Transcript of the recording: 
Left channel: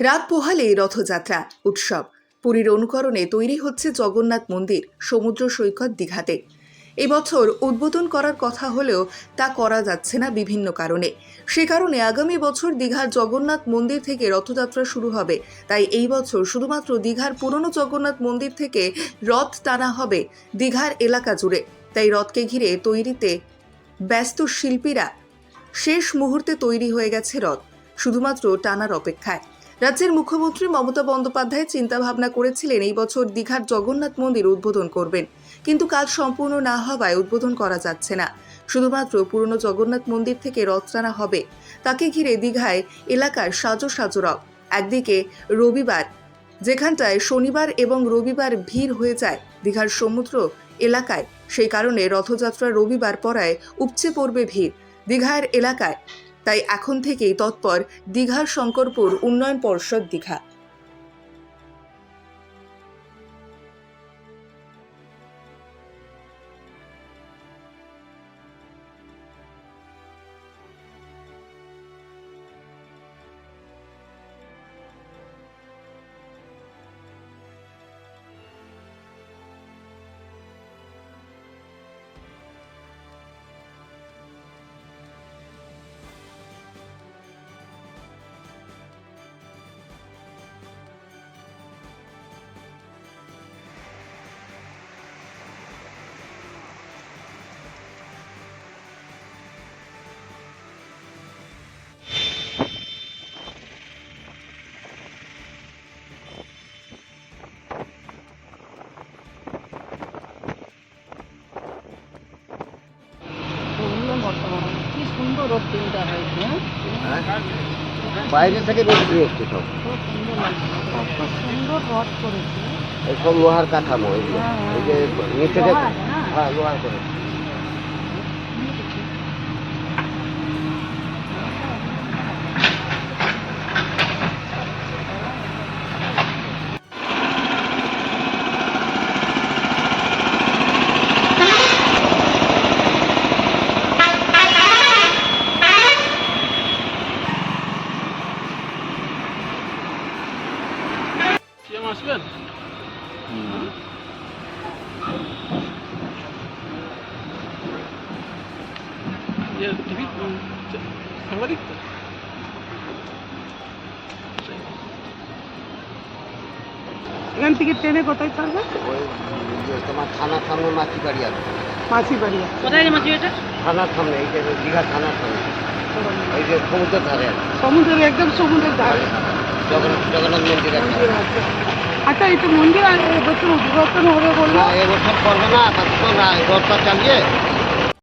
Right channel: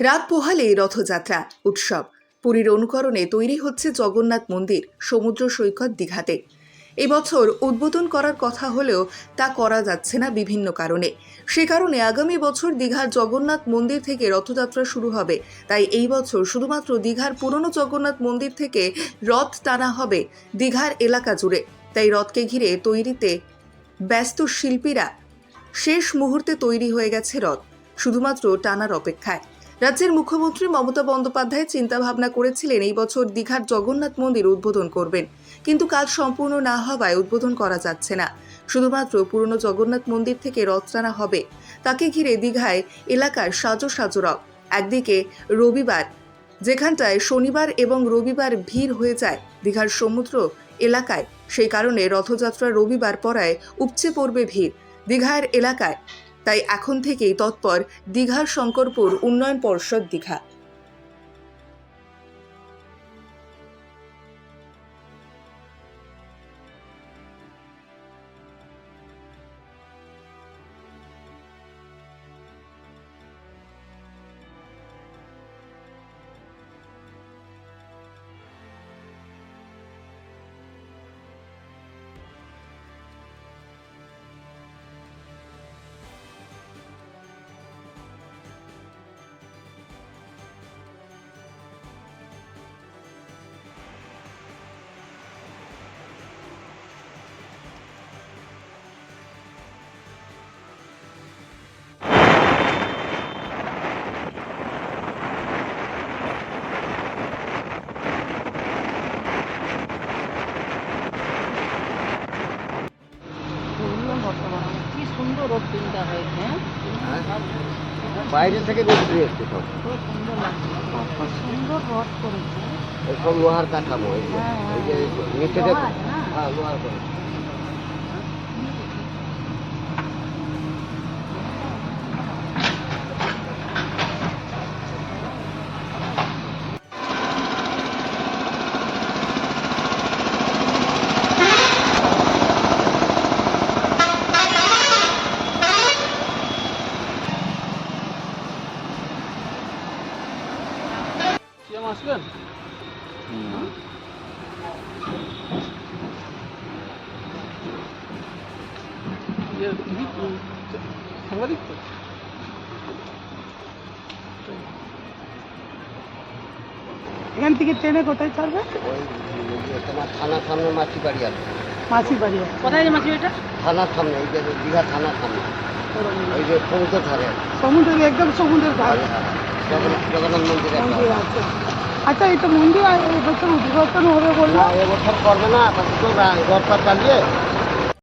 রাত পোহালেই রথযাত্রা উৎসব। পুরীর অনুকরণে তৈরি হচ্ছে জগন্নাথ মন্দির সমুদ্র সৈকত দীঘাতে। এবছর উদ্বোধন করার কথা হলেও তা করা যাচ্ছে না বিভিন্ন কারণে। সে কারণে আগামী বছর দীঘার জগন্নাথ মন্দির থেকে রথযাত্রা শুরু হবে। তাই এই বছর শুধুমাত্র দীঘার পুরনো জগন্নাথ মন্দির থেকে রথ টানা হবে দীঘার এলাকা জুড়ে। তাই রথকে ঘিরে তৈরিতে ব্যস্ত শিল্পীরা। শেষ মুহূর্তে তৈরি হয়ে গেছে রথ, শুধুমাত্র টানার অপেক্ষায়। রাজ্যের মুখ্যমন্ত্রী মমতা বন্দ্যোপাধ্যায় চিন্তা ভাবনা করেছিলেন এই বছর দীঘার জগন্নাথ মন্দির উদ্বোধন করবেন, কিন্তু কাজ সম্পূর্ণ না হওয়ায় উদ্বোধন করা যাচ্ছে না। শুধুমাত্র পুরনো জগন্নাথ মন্দির থেকে রথ টানা হবে। তাকে ঘিরে দীঘায় এলাকার সাজো সাজো রথ। একদিকে রবিবার, যেখানটায় শনিবার এবং রবিবার ভিড় হয়ে যায় দীঘার সমুদ্র এলাকায়, সেই কারণে রথযাত্রা রবিবার পড়ায় উপচে পড়বে ভিড় দীঘার এলাকায়। তাই এখন থেকেই তৎপর দীঘার শঙ্করপুর উন্নয়ন পর্ষদ দীঘা। কি সুন্দর ওপেনটা হয়েছে। বাইরে থেকে বেশি এসছে সব। খুব সুন্দর লাগছে, কত সুন্দর রথ করেছে। এসব লোহার কাঠামো এগুলো, এই যে নিচে দেখুন, হ্যাঁ লোহার করে। আসবেন সাংবাদিক তো এখান থেকে ট্রেনে কোথায় ছাড়বে? ওই তোমার থানার সামনে মাছি বাড়ি আছে। মাসি বাড়ি আছে। কোথায় মাছি এটা? থানার সামনে, এই যে দীঘার থানার সামনে, এই যে সমুদ্রের ধারে আছে। সমুদ্রের একদম সমুদ্রের ধারে জগন্নাথ মন্দির আছে। মন্দির আছে। আচ্ছা, এটা মন্দির আর এবছর উদ্বোধন হবে বললো। না এবছর করবে না, রথটা চালিয়ে